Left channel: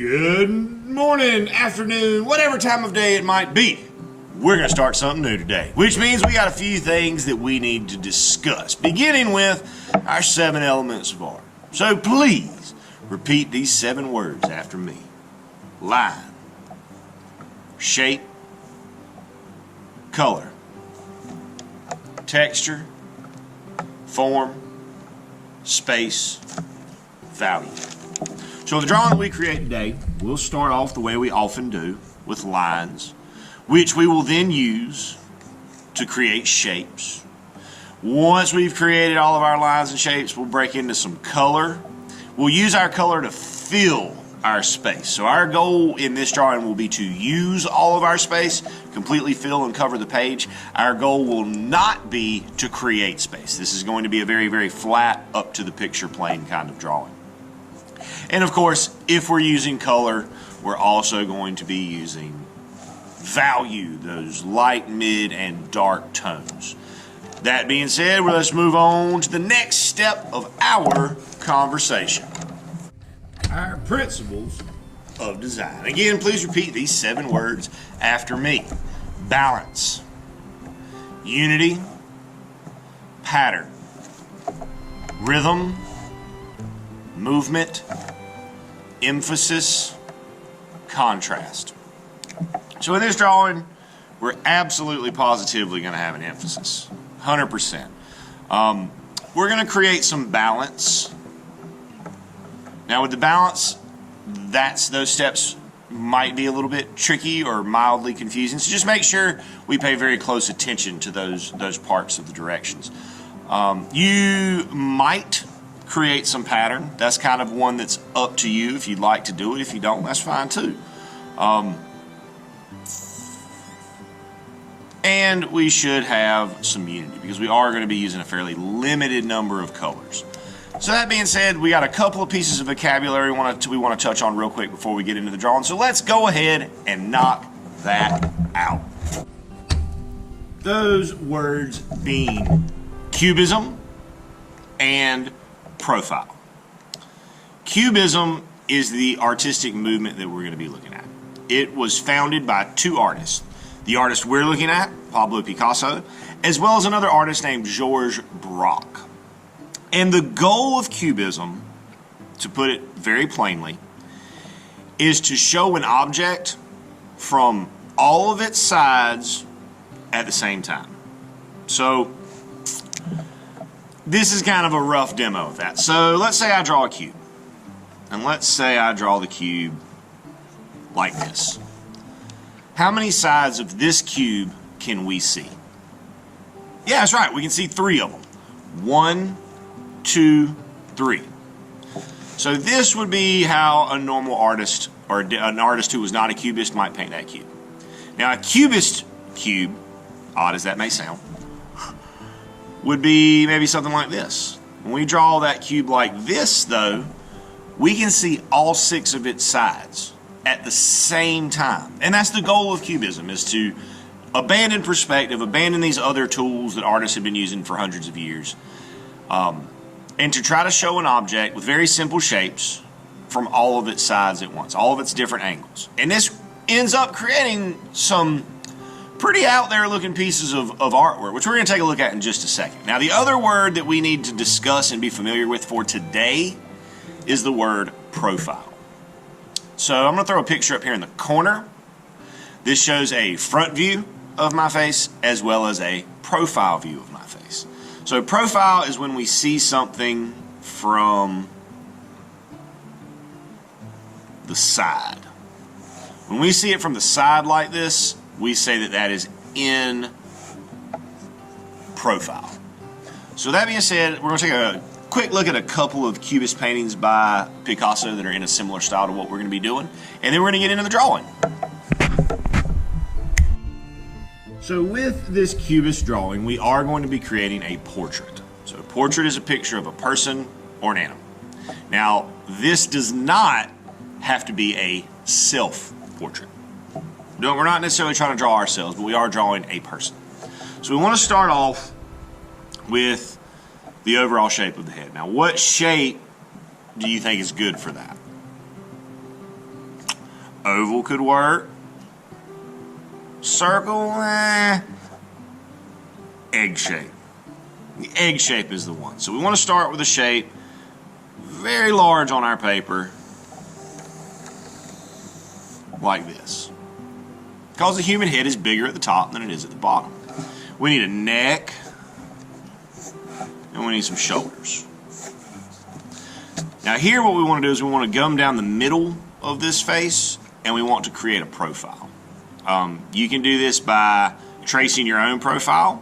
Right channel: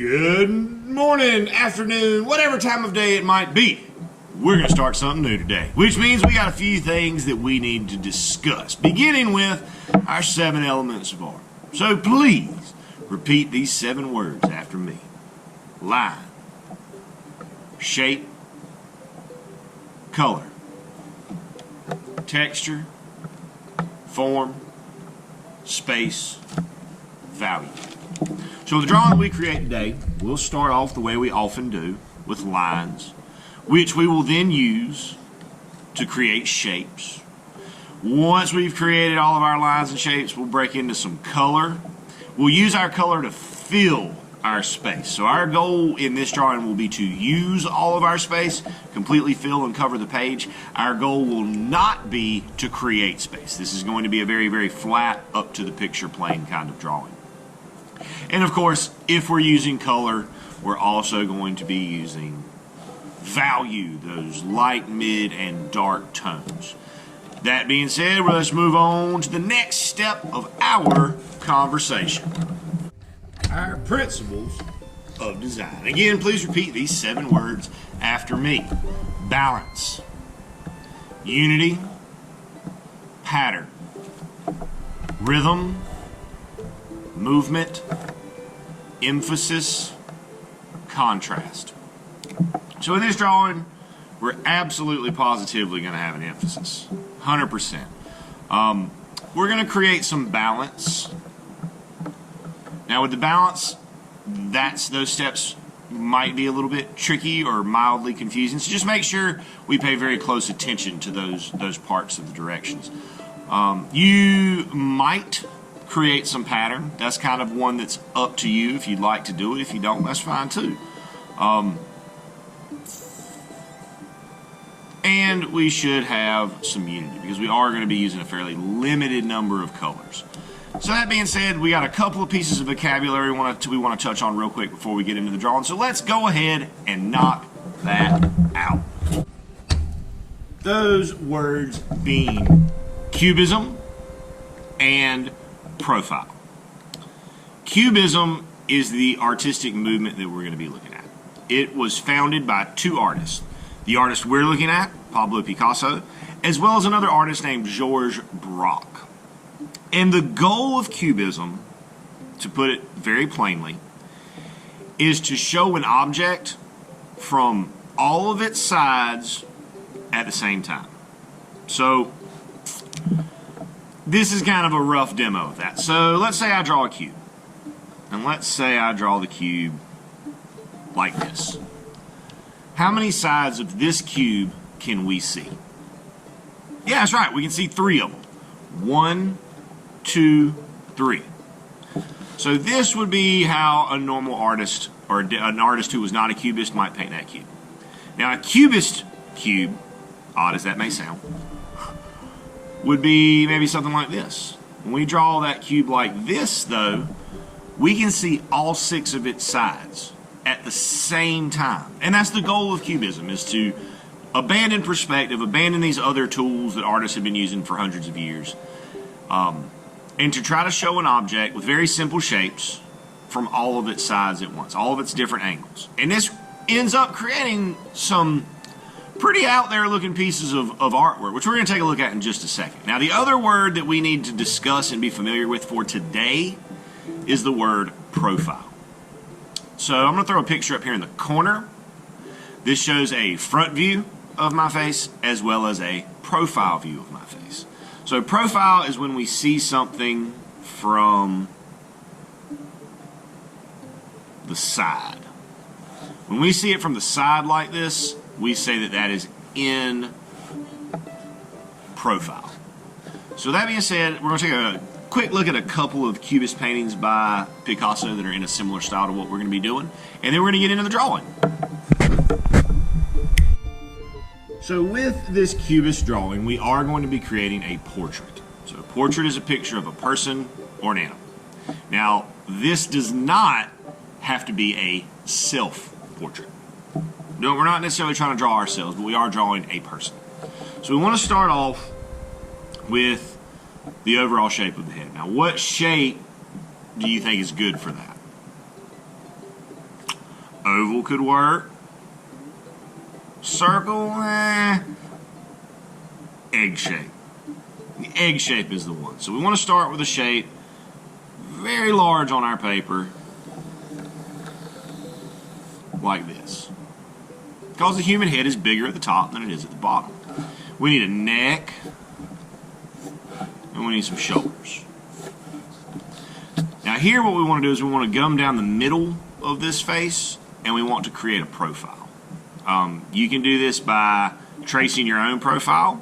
Good morning, afternoon, whatever time of day it might be. We're going to start something new today, which means we got a few things that we need to discuss, beginning with our 7 elements of art. So please repeat these 7 words after me. Line, shape, color, texture, form, space, value. So the drawing that we create today, we'll start off the way we often do, with lines, which we will then use to create shapes. Once we've created all of our lines and shapes, we'll break into some color. We'll use our color to fill our space. So our goal in this drawing will be to use all of our space, completely fill and cover the page. Our goal will not be to create space. This is going to be a very, very flat, up to the picture plane kind of drawing. And of course, if we're using color, we're also going to be using value, those light, mid, and dark tones. That being said, let's move on to the next step of our conversation. Our principles of design. Again, please repeat these 7 words after me. Balance, unity, pattern, rhythm, movement, emphasis, contrast. So in this drawing, we're absolutely positively going to have an emphasis, 100%. We're going to create some balance. Now with the balance, those steps might be a little bit tricky or mildly confusing, so just make sure we pay very close attention to those parts of the directions. You might create some pattern. That's kind of one that's up to you if you'd like to do it. If you don't, that's fine too. And we should have some unity because we are going to be using a fairly limited number of colors. So that being said, we got a couple of pieces of vocabulary we want to touch on real quick before we get into the drawing. So let's go ahead and knock that out. Those words being Cubism and profile. Cubism is the artistic movement that we're going to be looking at. It was founded by 2 artists. The artist we're looking at, Pablo Picasso, as well as another artist named Georges Braque. And the goal of Cubism, to put it very plainly, is to show an object from all of its sides at the same time. So this is kind of a rough demo of that. So let's say I draw a cube. And let's say I draw the cube like this. How many sides of this cube can we see? Yeah, that's right. We can see 3 of them. 1, 2, 3. So this would be how a normal artist or an artist who was not a cubist might paint that cube. Now a cubist cube, odd as that may sound, would be maybe something like this. When we draw that cube like this, though, we can see all 6 of its sides at the same time. And that's the goal of Cubism, is to abandon perspective, abandon these other tools that artists have been using for hundreds of years, and to try to show an object with very simple shapes from all of its sides at once, all of its different angles. And this ends up creating some pretty out there looking pieces of artwork, which we're going to take a look at in just a second. Now the other word that we need to discuss and be familiar with for today is the word profile. So I'm going to throw a picture up here in the corner. This shows a front view of my face as well as a profile view of my face. So profile is when we see something from the side. When we see it from the side like this, we say that that is in profile. So that being said, we're going to take a quick look at a couple of Cubist paintings by Picasso that are in a similar style to what we're going to be doing, and then we're going to get into the drawing. So with this Cubist drawing, we are going to be creating a portrait. So a portrait is a picture of a person or an animal. Now, this does not have to be a self-portrait. No, we're not necessarily trying to draw ourselves, but we are drawing a person. So we want to start off with the overall shape of the head. Now, what shape do you think is good for that? Oval could work. Circle, egg shape. The egg shape is the one. So we want to start with a shape very large on our paper, like this. Because the human head is bigger at the top than it is at the bottom. We need a neck, and we need some shoulders. Now here what we want to do is we want to gum down the middle of this face, and we want to create a profile. You can do this by tracing your own profile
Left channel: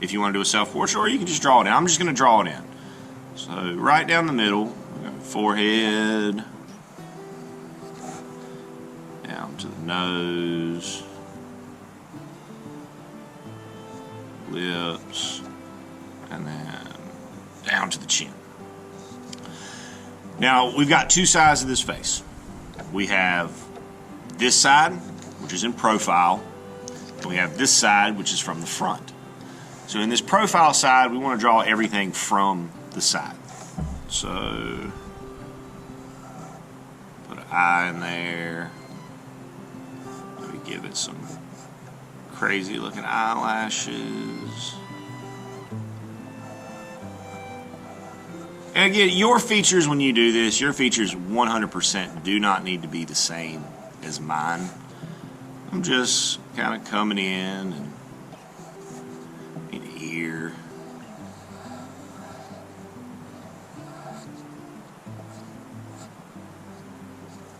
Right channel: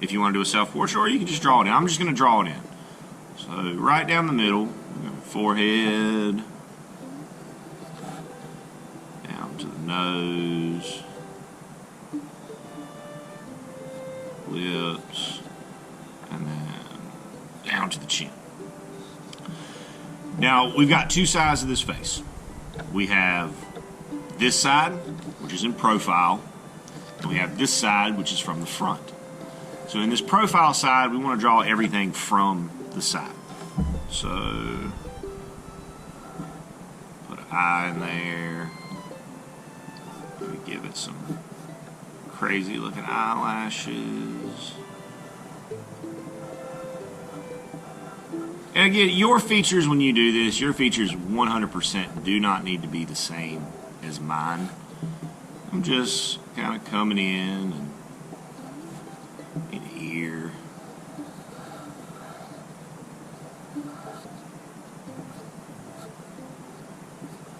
if you want to do a self-portrait, or you can just draw it in. I'm just going to draw it in. So right down the middle, forehead, down to the nose, lips, and then down to the chin. Now, we've got two sides of this face. We have this side, which is in profile, and we have this side, which is from the front. So in this profile side, we want to draw everything from the side. So put an eye in there. Maybe give it some crazy looking eyelashes. And again, your features when you do this, your features 100% do not need to be the same as mine. I'm just kind of coming in and ear.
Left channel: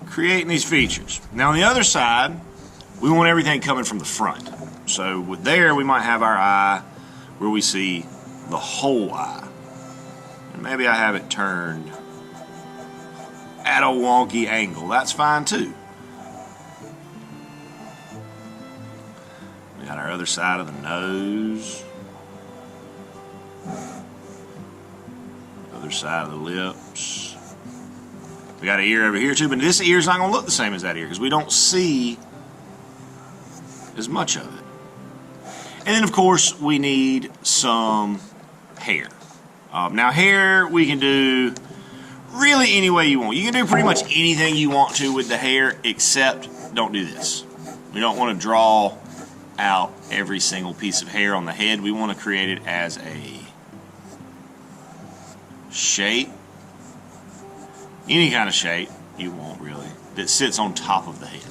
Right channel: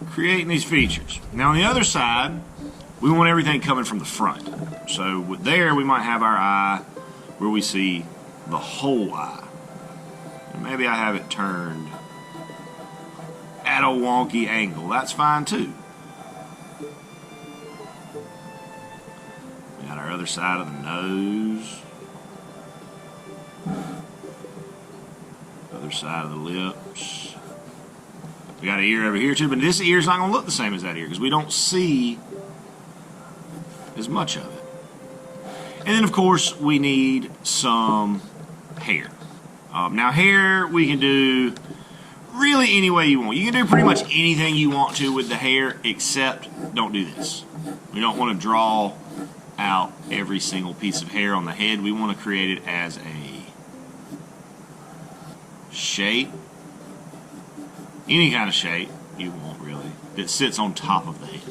Creating these features. Now on the other side, we want everything coming from the front. So with there, we might have our eye where we see the whole eye. And maybe I have it turned at a wonky angle. That's fine too. We got our other side of the nose. Other side of the lips. We got an ear over here too, but this ear is not going to look the same as that ear because we don't see as much of it. And then, of course, we need some hair. Now, hair we can do really any way you want. You can do pretty much anything you want to with the hair, except don't do this. We don't want to draw out every single piece of hair on the head. We want to create it as a shape, any kind of shape you want really, that sits on top of the head.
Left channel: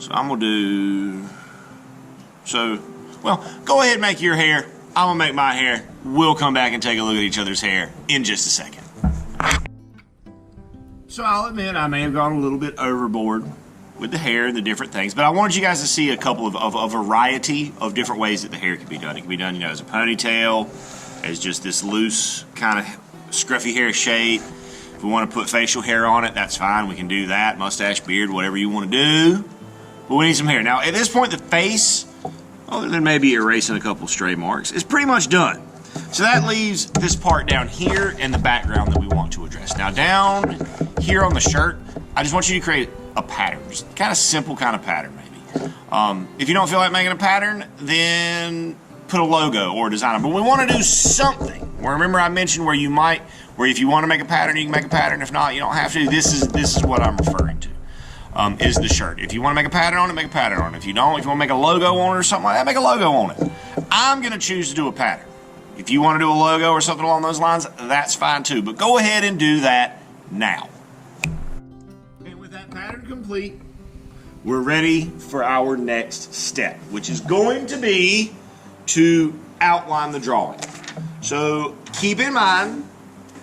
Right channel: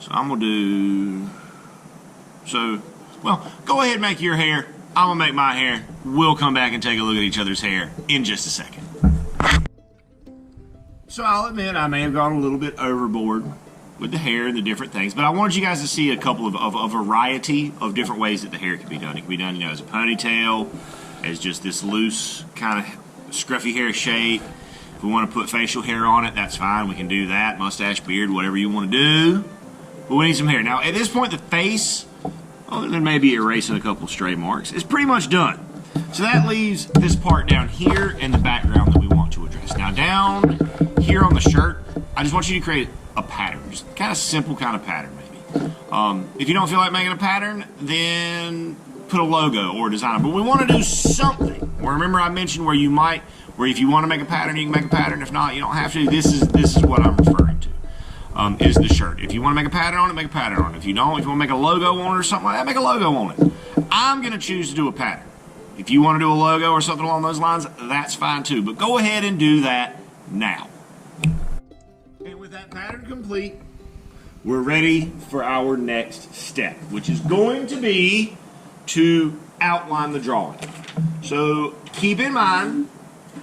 So I'm going to do, well, go ahead and make your hair. I'm going to make my hair. We'll come back and take a look at each other's hair in just a second. So I'll admit I may have gone a little bit overboard with the hair and the different things, but I wanted you guys to see a couple of a variety of different ways that the hair can be done. It can be done, as a ponytail, as just this loose kind of scruffy hair shape. If we want to put facial hair on it, that's fine. We can do that. Mustache, beard, whatever you want to do. But we need some hair. Now, at this point, the face, other than maybe erasing a couple stray marks, is pretty much done. So that leaves this part down here in the background that we want to address. Now, down here on the shirt, I just want you to create a pattern. Just kind of simple kind of pattern, maybe. If you don't feel like making a pattern, then put a logo or a design. But we want to do something. Well, remember I mentioned where if you want to make a pattern, you can make a pattern. If not, you don't have to. This is what I'm referring to, is the shirt. If you want to make a pattern on it, make a pattern on it. If you want to make a logo on it or something like that, make a logo on it. I'm going to choose to do a pattern. If you want to do a logo or something along those lines, that's fine too. But go ahead and do that now. And with that pattern complete, we're ready for our next step, which is going to be to outline the drawing. So keep in mind,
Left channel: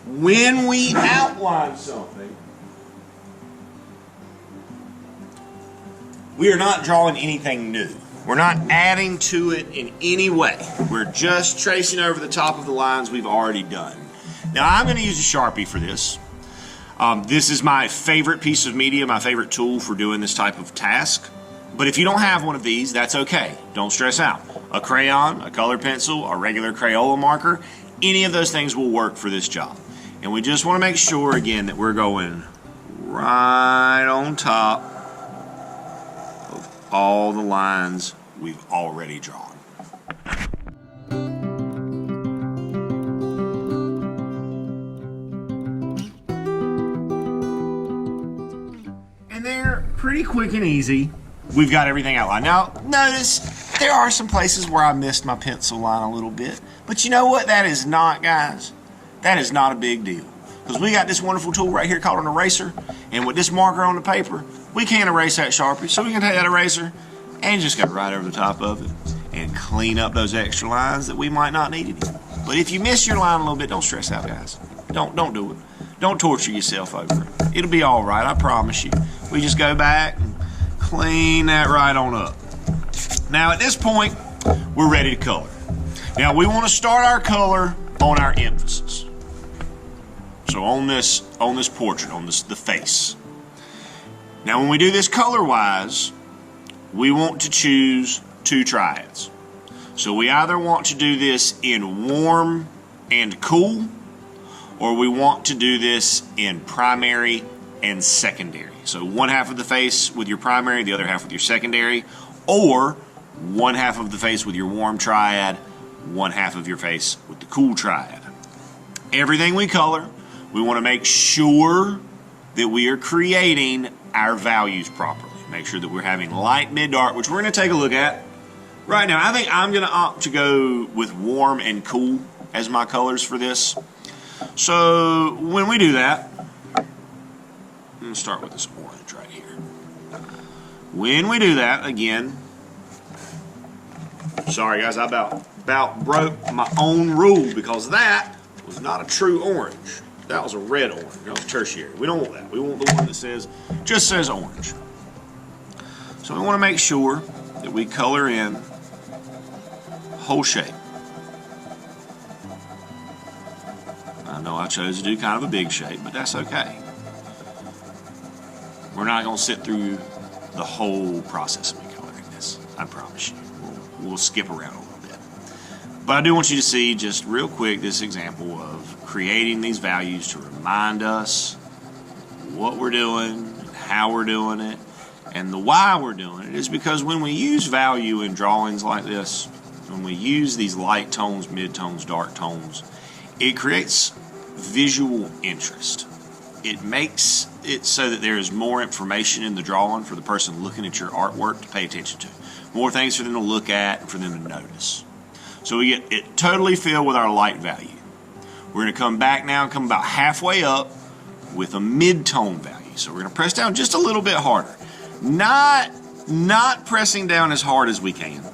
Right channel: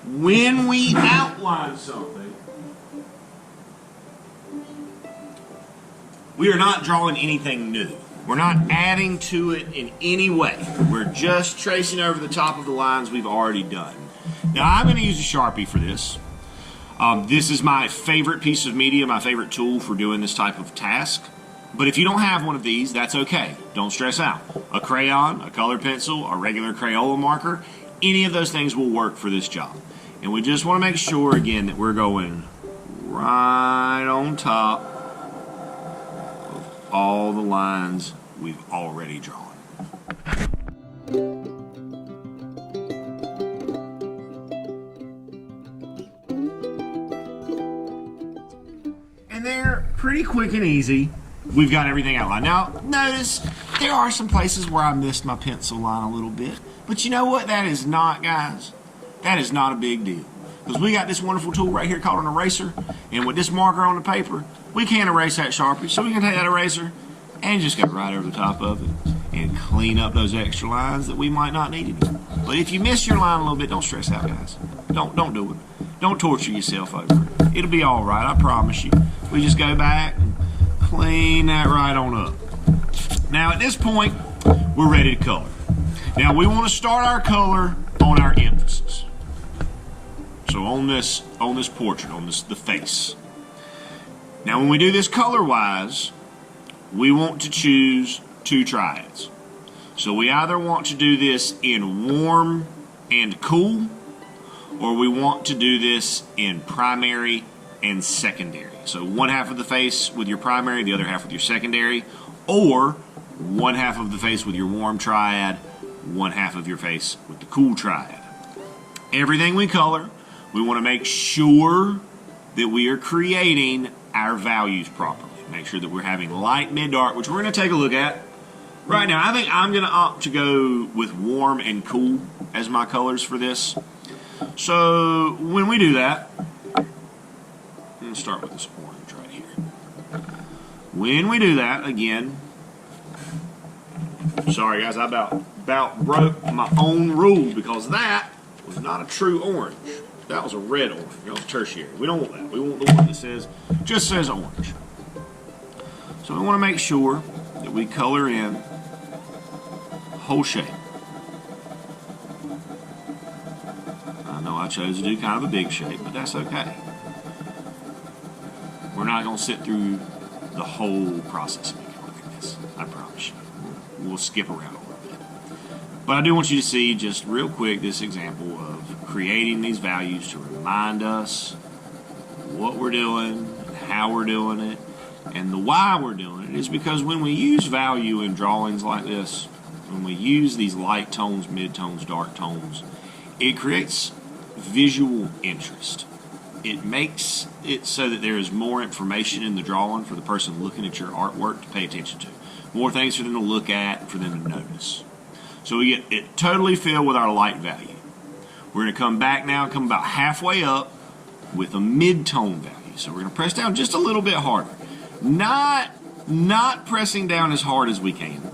when we outline something, we are not drawing anything new. We're not adding to it in any way. We're just tracing over the top of the lines we've already done. Now I'm going to use a Sharpie for this. This is my favorite piece of media, my favorite tool for doing this type of task. But if you don't have one of these, that's okay. Don't stress out. A crayon, a colored pencil, a regular Crayola marker, any of those things will work for this job. And we just want to make sure, again, that we're going right on top of all the lines we've already drawn. And they're pretty quick and easy. We've got everything outlined. Now, notice there are some places where I missed my pencil line a little bit. But you know what? That is not, guys, that is not a big deal. Because we got this wonderful tool right here called an eraser. And with this marker on the paper, we can't erase that Sharpie. So we can take that eraser and just go right over the top of it and clean up those extra lines that we might not need anymore. But if you miss your line a little bit, don't stress out, guys. Don't do it. Don't torture yourself over it. It'll be all right, I promise you. We just go back and clean that right on up. Now at this point, we're ready to color. Now we want to start our color on our emphasis. So on this portrait, on the face. Now when we do this color-wise, we want to choose two triads. So we either want to do this in warm and cool, or we want to do this in primary and secondary. So one half of the face with your primary, the other half with your secondary, or one half of the face with your warm triad, one half of your face with the cool triad. Everything we color, we want to make sure that we are creating our values properly. Make sure that we're having light, mid, dark, which we're going to take a look at right now. I think I'm going to opt to go with warm and cool as my colors for this. So when we do that, I'm going to start with this orange right here. When we do that, again, sorry guys, I about broke my own rule because that was not a true orange. That was a red orange. That was tertiary. We don't want that. We want the one that just says orange. So we want to make sure that we color in whole shape. I know I chose to do kind of a big shape, but that's okay. We're not going to sit through the whole process of me coloring this. I promise you. We'll skip around a little bit. But I do want you to see just real quick this example of creating these values to remind us what we're doing, and how we're doing it, and the why we're doing it is because when we use value in drawings like this, when we use these light tones, mid-tones, dark tones, it creates visual interest. It makes it so that there is more information in the drawing for the person looking at your artwork to pay attention to. More things for them to look at, for them to notice. So we get it totally filled with our light value. We're going to come back now and come about halfway up with a mid-tone value. So we're going to press down just a little bit harder. Not pressing down as hard as we can.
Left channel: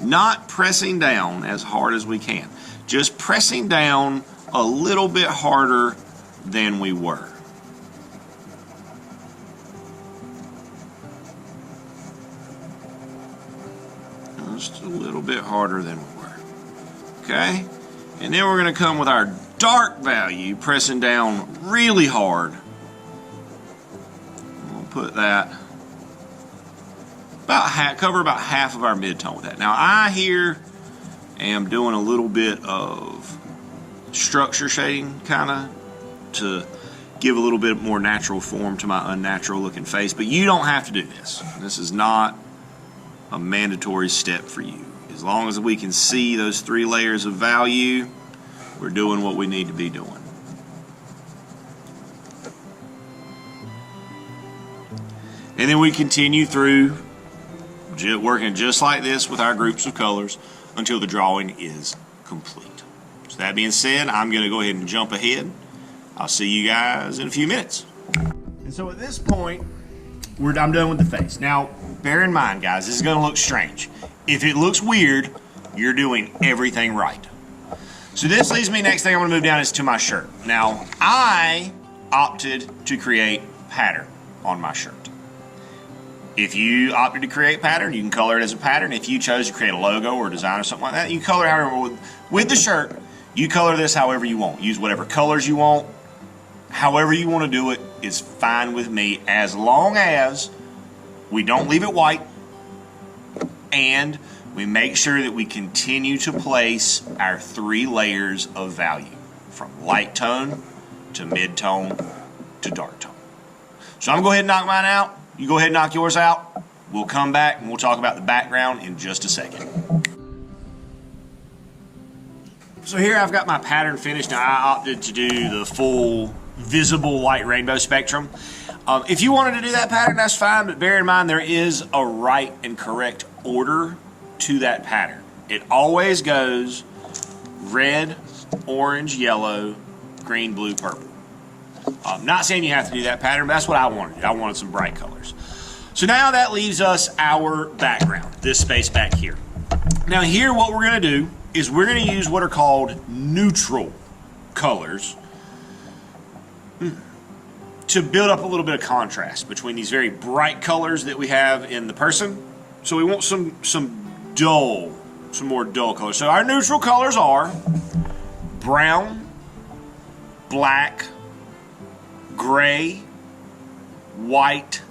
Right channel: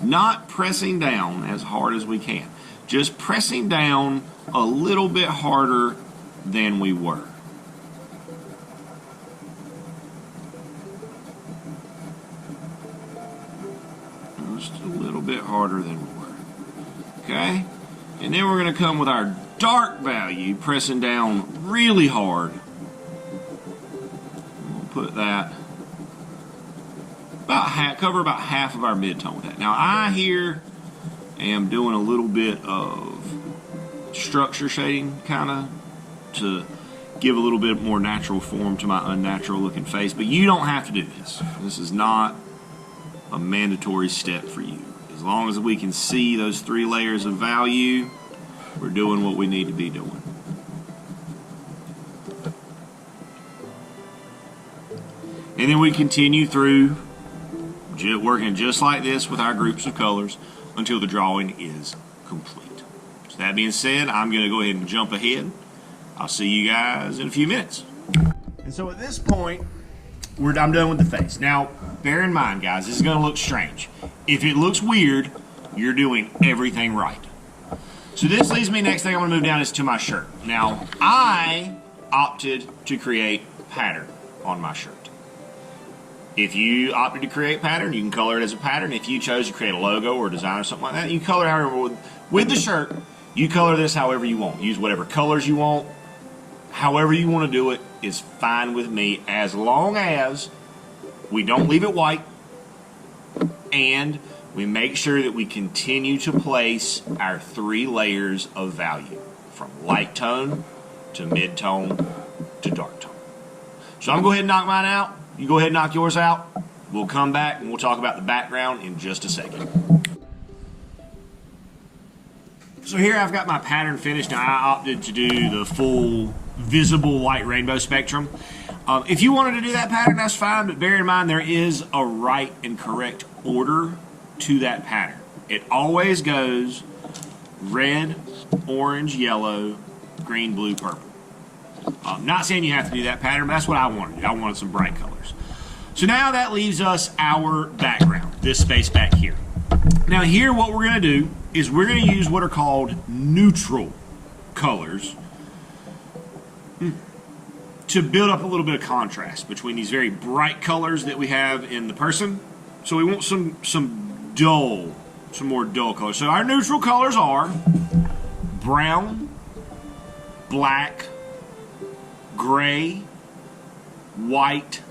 Not pressing down as hard as we can. Just pressing down a little bit harder than we were. Just a little bit harder than we were. Okay? And then we're going to come with our dark value, pressing down really hard. We'll put that cover about half of our mid-tone with that. Now I here am doing a little bit of structure shading kind of to give a little bit more natural form to my unnatural looking face, but you don't have to do this. This is not a mandatory step for you. As long as we can see those three layers of value, we're doing what we need to be doing. And then we continue through working just like this with our groups of colors until the drawing is complete. So that being said, I'm going to go ahead and jump ahead. I'll see you guys in a few minutes. And so at this point, I'm done with the face. Now, bear in mind, guys, this is going to look strange. If it looks weird, you're doing everything right. So this leads me, next thing I'm going to move down is to my shirt. Now, I opted to create pattern on my shirt. If you opted to create pattern, you can color it as a pattern. If you chose to create a logo or a design or something like that, you can color however. With the shirt, you color this however you want. Use whatever colors you want. However you want to do it is fine with me, as long as we don't leave it white and we make sure that we continue to place our three layers of value from light tone to mid tone to dark tone. So I'm going to go ahead and knock mine out. You go ahead and knock yours out. We'll come back and we'll talk about the background in just a second. So here I've got my pattern finished. Now I opted to do the full visible light rainbow spectrum. If you wanted to do that pattern, that's fine, but bear in mind there is a right and correct order to that pattern. It always goes red, orange, yellow, green, blue, purple. I'm not saying you have to do that pattern, but that's what I wanted. I wanted some bright colors. So now that leaves us our background, this space back here. Now here what we're going to do is we're going to use what are called neutral colors to build up a little bit of contrast between these very bright colors that we have in the person. So we want some more dull colors. So our neutral colors are brown, black, gray, white,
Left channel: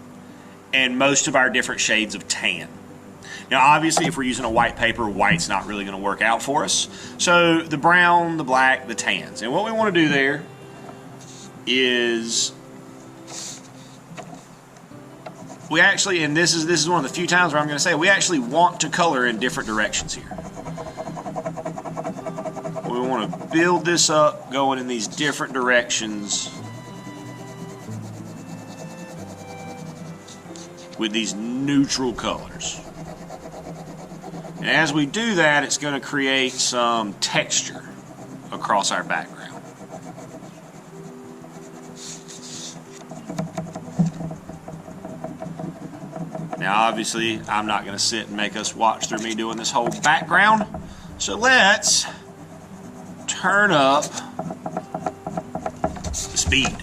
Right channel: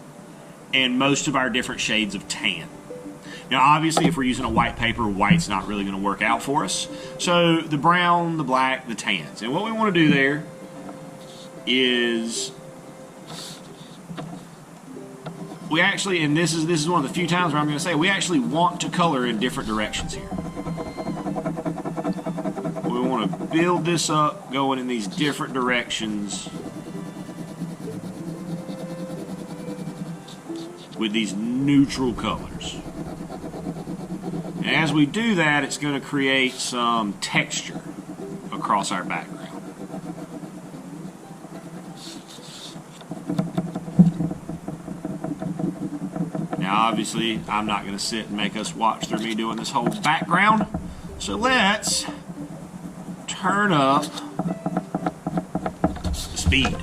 and most of our different shades of tan. Now obviously if we're using a white paper, white's not really going to work out for us. So the brown, the black, the tans. And what we want to do there is we actually, and this is one of the few times where I'm going to say we actually want to color in different directions here. We want to build this up going in these different directions with these neutral colors. And as we do that, it's going to create some texture across our background. Now obviously I'm not going to sit and make us watch through me doing this whole background, so let's turn up the speed.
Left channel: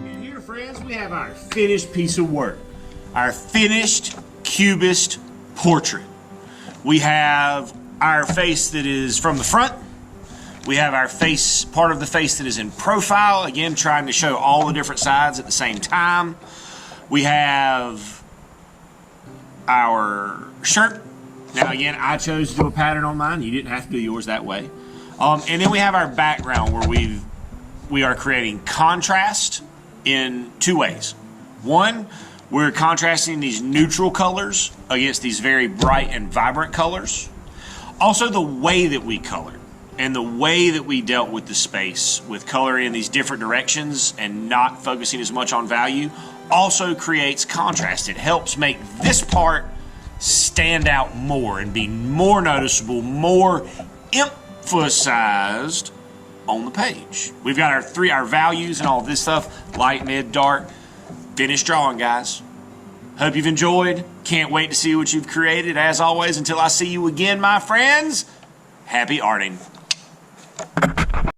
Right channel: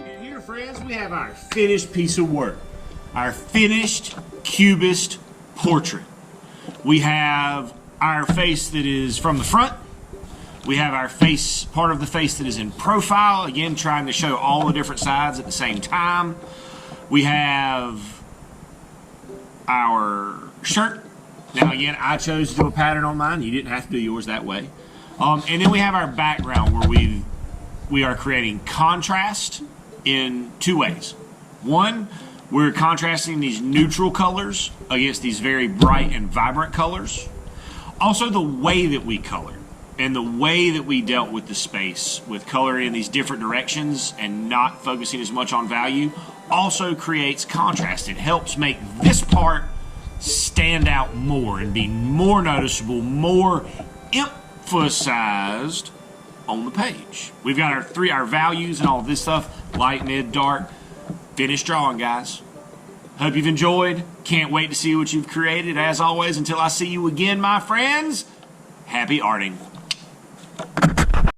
And here, friends, we have our finished piece of work, our finished Cubist portrait. We have our face that is from the front. We have our face, part of the face that is in profile, again trying to show all the different sides at the same time. We have our shirt. Now again, I chose to do a pattern on mine. You didn't have to do yours that way. And then we have our background where we are creating contrast in two ways. One, we're contrasting these neutral colors against these very bright and vibrant colors. Also the way that we color and the way that we dealt with the space with coloring in these different directions and not focusing as much on value also creates contrast. It helps make this part stand out more and be more noticeable, more emphasized on the page. We've got our values and all this stuff, light, mid, dark. Finished drawing, guys. Hope you've enjoyed. Can't wait to see what you've created. As always, until I see you again, my friends, happy arting.